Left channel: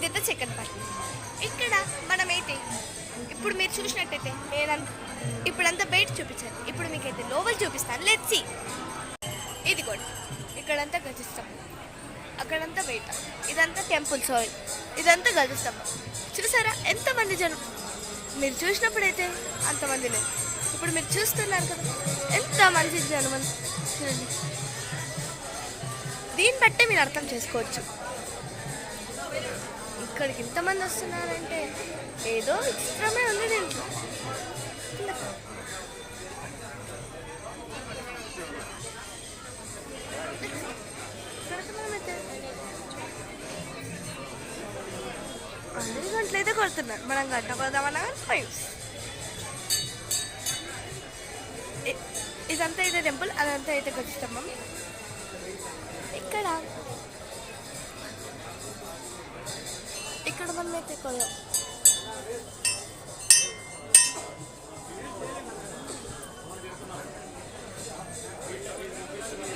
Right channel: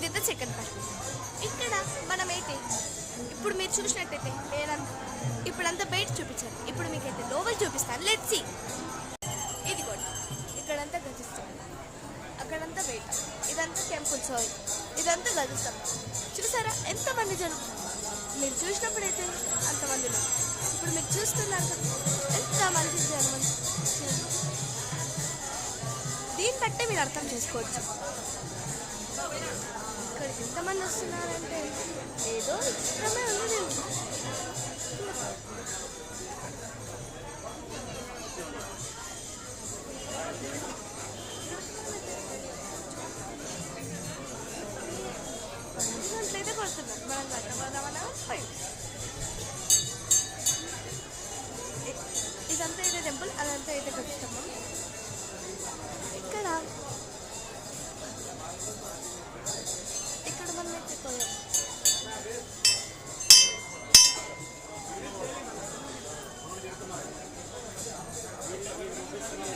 ఇదైతే second part. ఇక్కడ మనమైతే ఇప్పుడు మీరు చూసినట్టయితే ఇప్పుడంతా బయట చూపించాను, ఇప్పుడు మీకైతే లోపల చూపిస్తాను. Let's see. ఇది కూడా ఇక్కడంతా గతిస్తాం, అక్కడంతా బయట, ఇదంతా టెంపుల్. సారీ, ఇదంతా గతిస్తాం. చూసారా ఎంతమంది జనం? మీరు చూసినప్పుడైతే అంతమంది లేదు, ఇప్పుడు మీరు చూస్తున్నారు కదా ఎంత మంచి జనం. దీన్ని బట్టే మీరు అర్థం చేసుకోవచ్చు ఇక్కడికి ఇంతమంది వస్తున్నారంటే ఏదో విచిత్రమే ఉంది దీంట్లో. గంటలైతే కొడుతున్నారు, మనం గంట కొడదామన్నా ఫైవ్స్. ఇదంతా అయితే టెంపుల్, అదంతా అయితే గతిస్తాం. ఇక్కడ మనం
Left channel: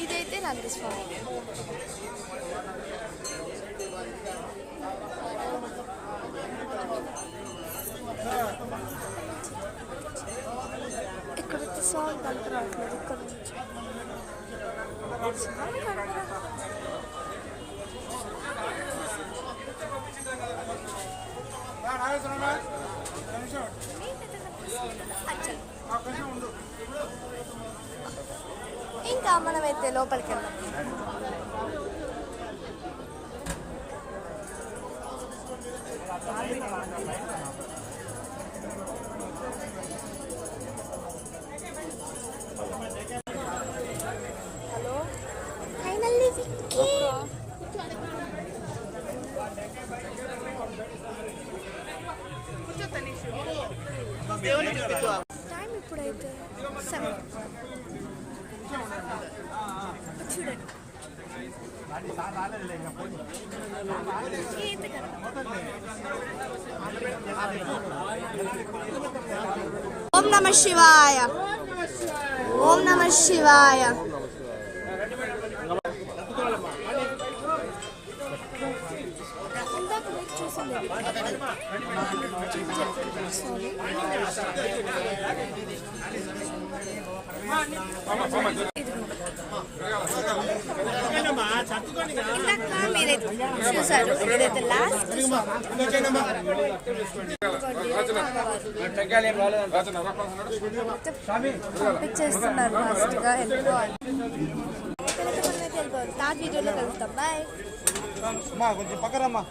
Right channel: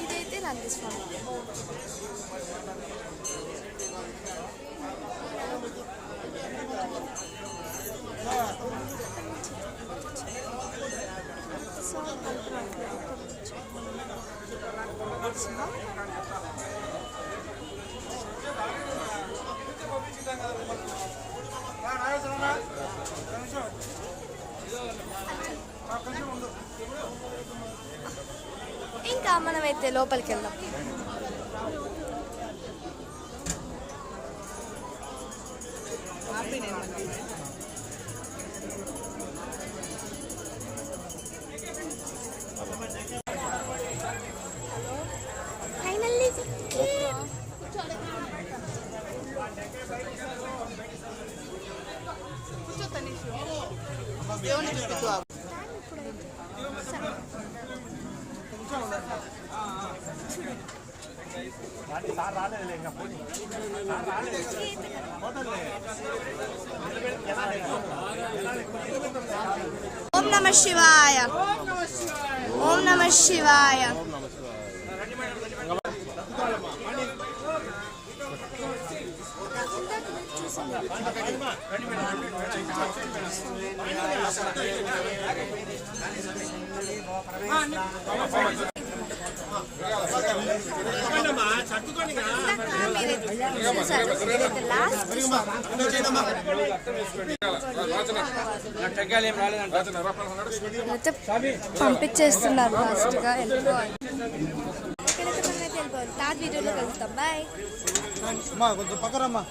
ఇదైతే నందీస్వామి. ఇక్కడ సాంగ్ కలుపు రావట్లేదు. ఇక్కడ నుంచి ఇంకా మనమైతే లోపలికి వెళ్దాం. హలో, ఫైనల్లీ టైం ఇప్పుడైతే 7. చూడండి ఓం నమ శివాయ, ఓం నమ శివాయ. ఇదైతే లాస్ట్ పంపించేస్తున్నారు. ఫాస్ట్గా వెళ్ళిపోవాలి. ఇక్కడైతే మనమైతే వెళ్ళిపోవాలి. థర్డ్ వీడియోలో కలుస్తాం. బాయ్. కొంచెం పక్కరమ్మా.